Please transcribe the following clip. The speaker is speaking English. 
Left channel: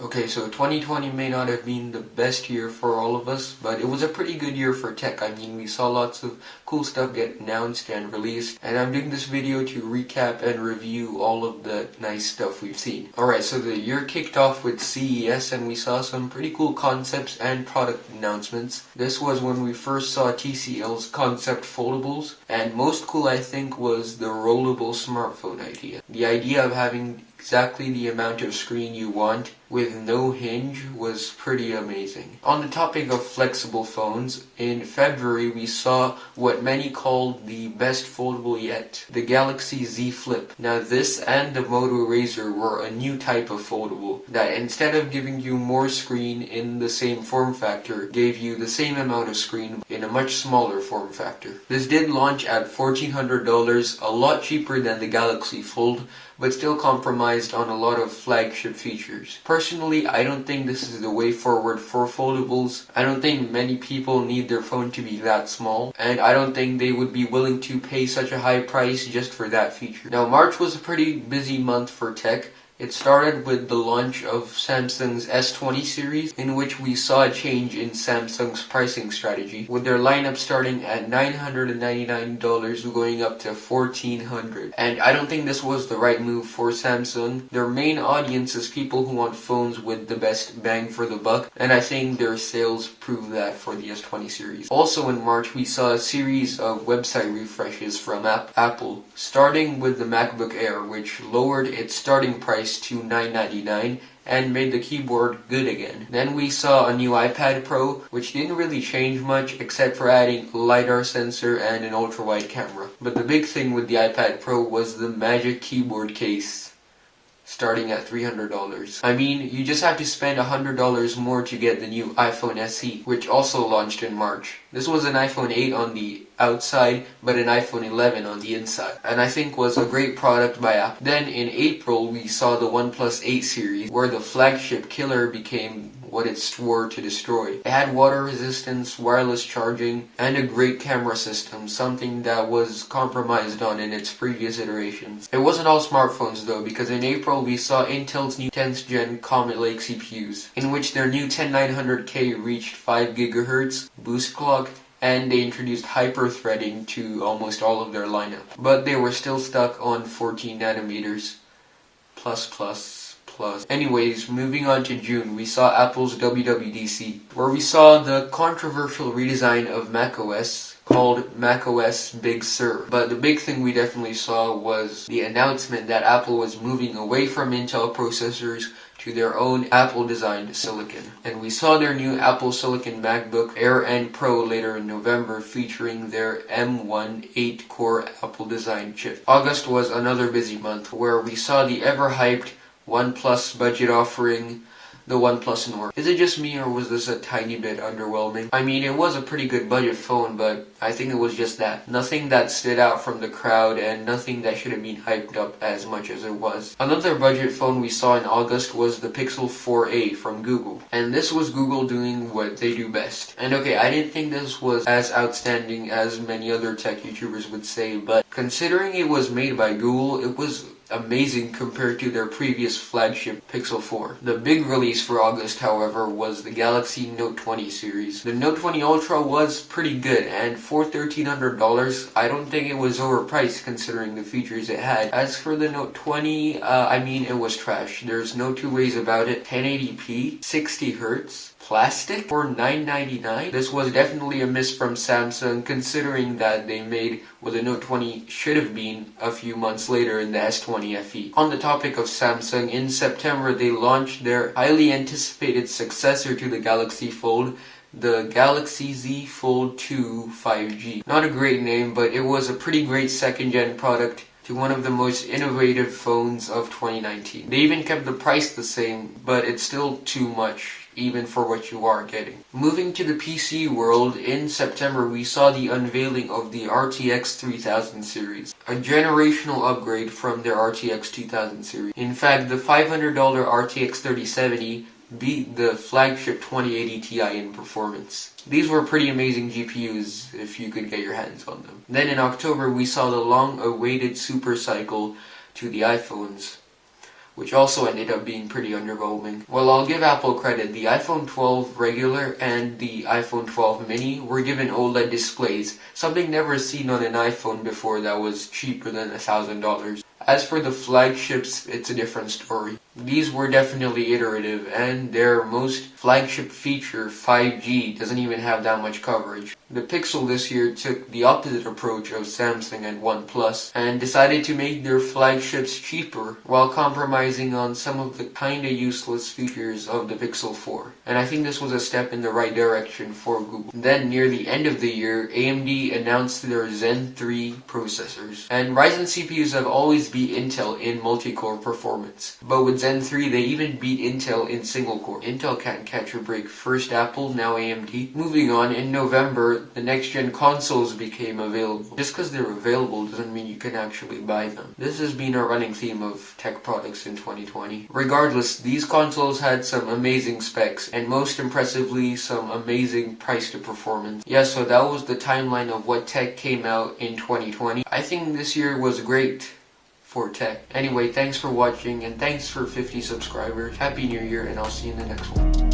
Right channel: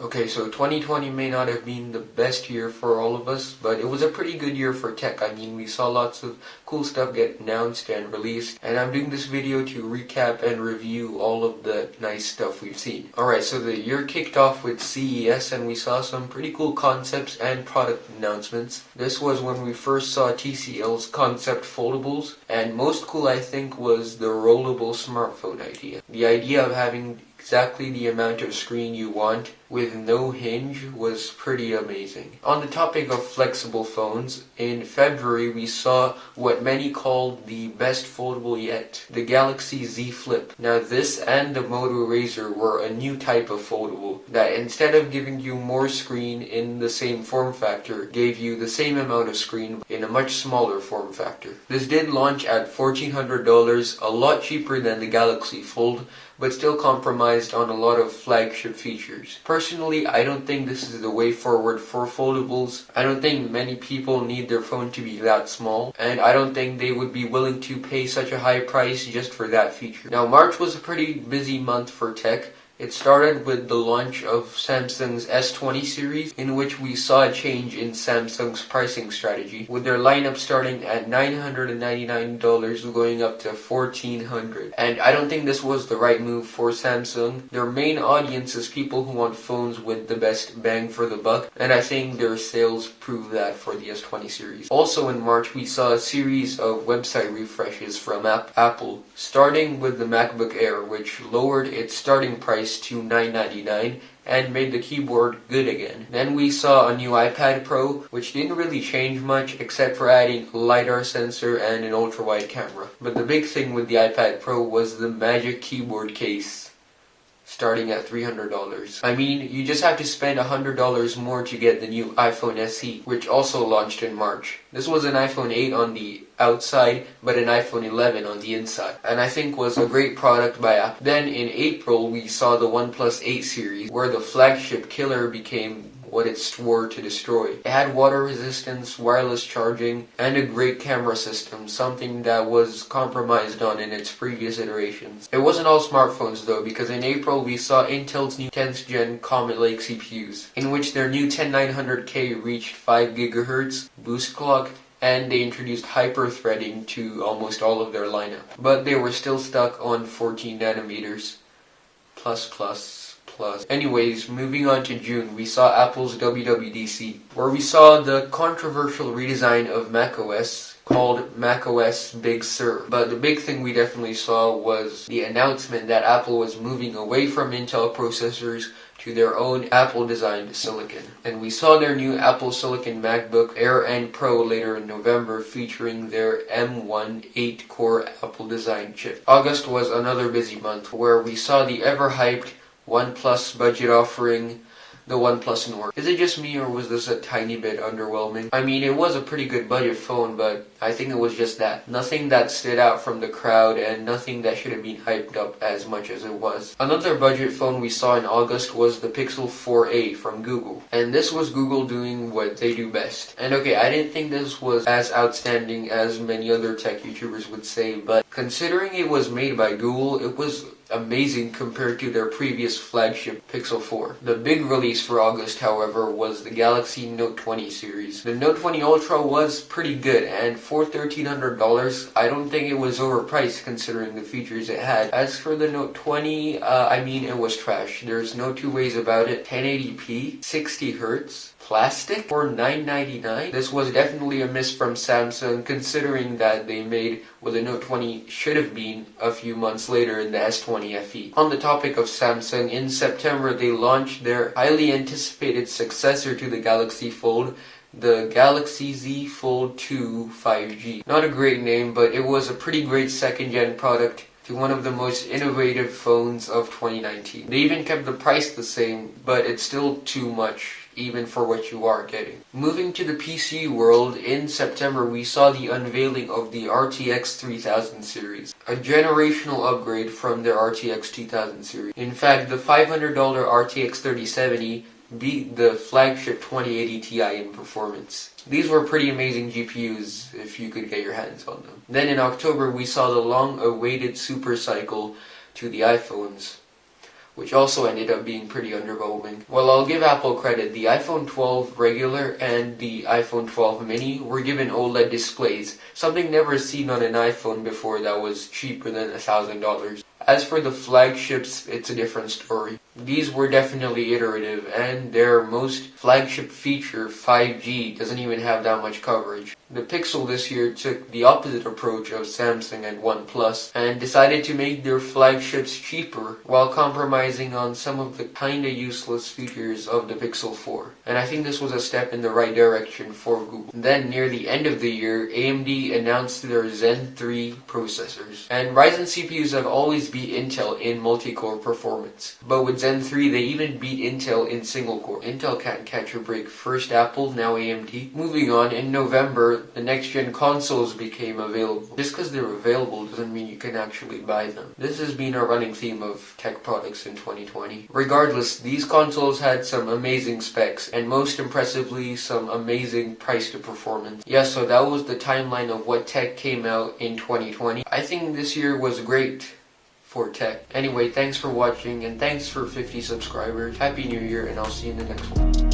Okay, so 2020 may not have been the best year for all of us, but it was a pretty good year for tech. I mean, we saw lots of cool stuff get announced and released, and I'm doing this video to recap and review all of the nice stuff we've seen. Alright, so the year kicked off with CES, and we saw some pretty cool concepts and product announcements. This was when we first saw TCL's concept foldables, and most cool I think was the rollable smartphone idea. The idea of having exactly the amount of screen you want with no hinge was pretty amazing. On the topic of flexible phones, in February we saw what many called the best foldable yet, the Galaxy Z Flip. Now this and the Moto Razr were a new type of foldable that instead of giving you more screen in the same form factor, gave you the same amount of screen in a much smaller form factor. This did launch at $1,400, a lot cheaper than the Galaxy Fold, but still compromised on a lot of flagship features. Personally, I don't think this is the way forward for foldables. I don't think many people need their phone to be that small, and I don't think they would be willing to pay such a high price just for that feature. Now, March was a pretty busy month for tech. It started with the launch of Samsung's S20 series, in which we saw a change in Samsung's pricing strategy, with their lineup starting at $999 going up to $1,400. And I don't think this was the right move for Samsung. Their main audience is people who want phones with the best bang for the buck, and I think their sales prove that for the S20 series. Also in March, we saw a series of website refreshes from Apple, starting with the Macbook Air, which lowered its starting price to $999 and made the keyboard good again. Then we saw a new iPad Pro, which didn't really change much except for adding a LiDAR sensor and an ultra-wide camera. But the big thing with the iPad Pro was the magic keyboard case, starting at $300. I mean, you just have to spend $100 more to get the new iPhone SE, which also launched in March. This was an iPhone 8 on the outside, but an iPhone 11 on the inside, and I think was a great product by Apple. Then in April, we saw the OnePlus 8 series, where the flagship killer became what it swore to destroy. It had water resistance, wireless charging, and a great camera system, something that was compromised on in its previous iterations. It wasn't all smartphones though, because in April we saw Intel's new 10th gen Comet Lake CPUs, in which their new 10900K reached 5 GHz boost clock, and they introduced hyper-threading to almost all of their lineup. But they were still stuck on 14 nanometers. Plus. Anyways, moving on to June, we saw Apple's WWDC, where we saw the controversial redesign of macOS called macOS Big Sur. But the big thing we definitely saw was the announcement that Apple was moving away from Intel processors to their own Apple-designed silicon. And we saw their new Apple Silicon MacBook Air and Pro later in November, featuring their M1 8-core Apple-designed chip. August was another busy month, where we saw the ever-hyped OnePlus budget offering, the OnePlus Nord. Is it just me, or was this a tiny bit underwhelming? I mean, it was a pretty good budget phone, but I think it was just that. Nothing that stood out from the crowd, and nothing that should have been hyped up as much as it was. Another budget phone we saw in August was the Pixel 4a from Google. And this was Google doing what they do best. And okay, I didn't think this was as outstanding as many other tech YouTubers would say, but considering it was made by Google, it was amazing compared to their previous flagship Pixel 4. The big release for August, however, was the Galaxy Note 20 series. The Note 20 Ultra was pretty good, and for $1,300, I don't think it was overpriced considering the features it had. As for the Note 20, I mean, it was trash. There's no two ways about it. 1080p, 60 Hz, plastic for $999. This was definitely a miss from Samsung, considering that they made what the Note 20 should have been a few months later in the S20 FE. On the topic of Samsung, in September they launched their highly anticipated successor to the Galaxy Fold, the Galaxy Z Fold 2 5G. Not a great name, but it was a pretty great second-gen product to one of the most innovative phones of 2019. They even kept the price the same, but it's still too much, even for what you are getting. Moving to the PC world, in September we saw the unveiling of the RTX 3000 series, a generational upgrade from their RTX 2000 series. In fact, the $500 RTX 3070 beat the flagship 2080 Ti in performance. These were pretty amazing GPUs if you could get your hands on them. Then in October we saw the long-awaited super cycle to the iPhones, which also ended up being pretty underwhelming. Well, I'll give Apple credit. The iPhone 12 regular and the iPhone 12 mini were given OLED displays, something never seen on an iPhone before that was cheaper than $1,000. As for the flagships, it's a different story. These were definitely iterative, and their most flagship feature, 5G, doesn't even have that much coverage. The Pixel this year took the opposite approach of Samsung and OnePlus and decided to make their flagships cheaper while compromising on some of the kinda useless features of the Pixel 4. And I think this was a step in the right direction for Google. Then, near the end of the year, AMD announced their Zen 3 processors. And Ryzen CPUs have always beat Intel in multi-core performance. But with Zen 3, they even beat Intel in single-core. Intel can't catch a break. First Apple, now AMD. Moving on, in November, the next-gen consoles became available. Just because they're available doesn't mean you can actually buy them. This has been a running theme of tech products in 2020. Regardless, these consoles had some amazing specs, and most impressively, some amazing price to performance. Yeah, so that was the timeline of what tech came out in 2020. I think this year was great for tech. Anyway, thanks for watching, and thanks for 50 subscribers. Happy New Year, and I'll see you in the next one.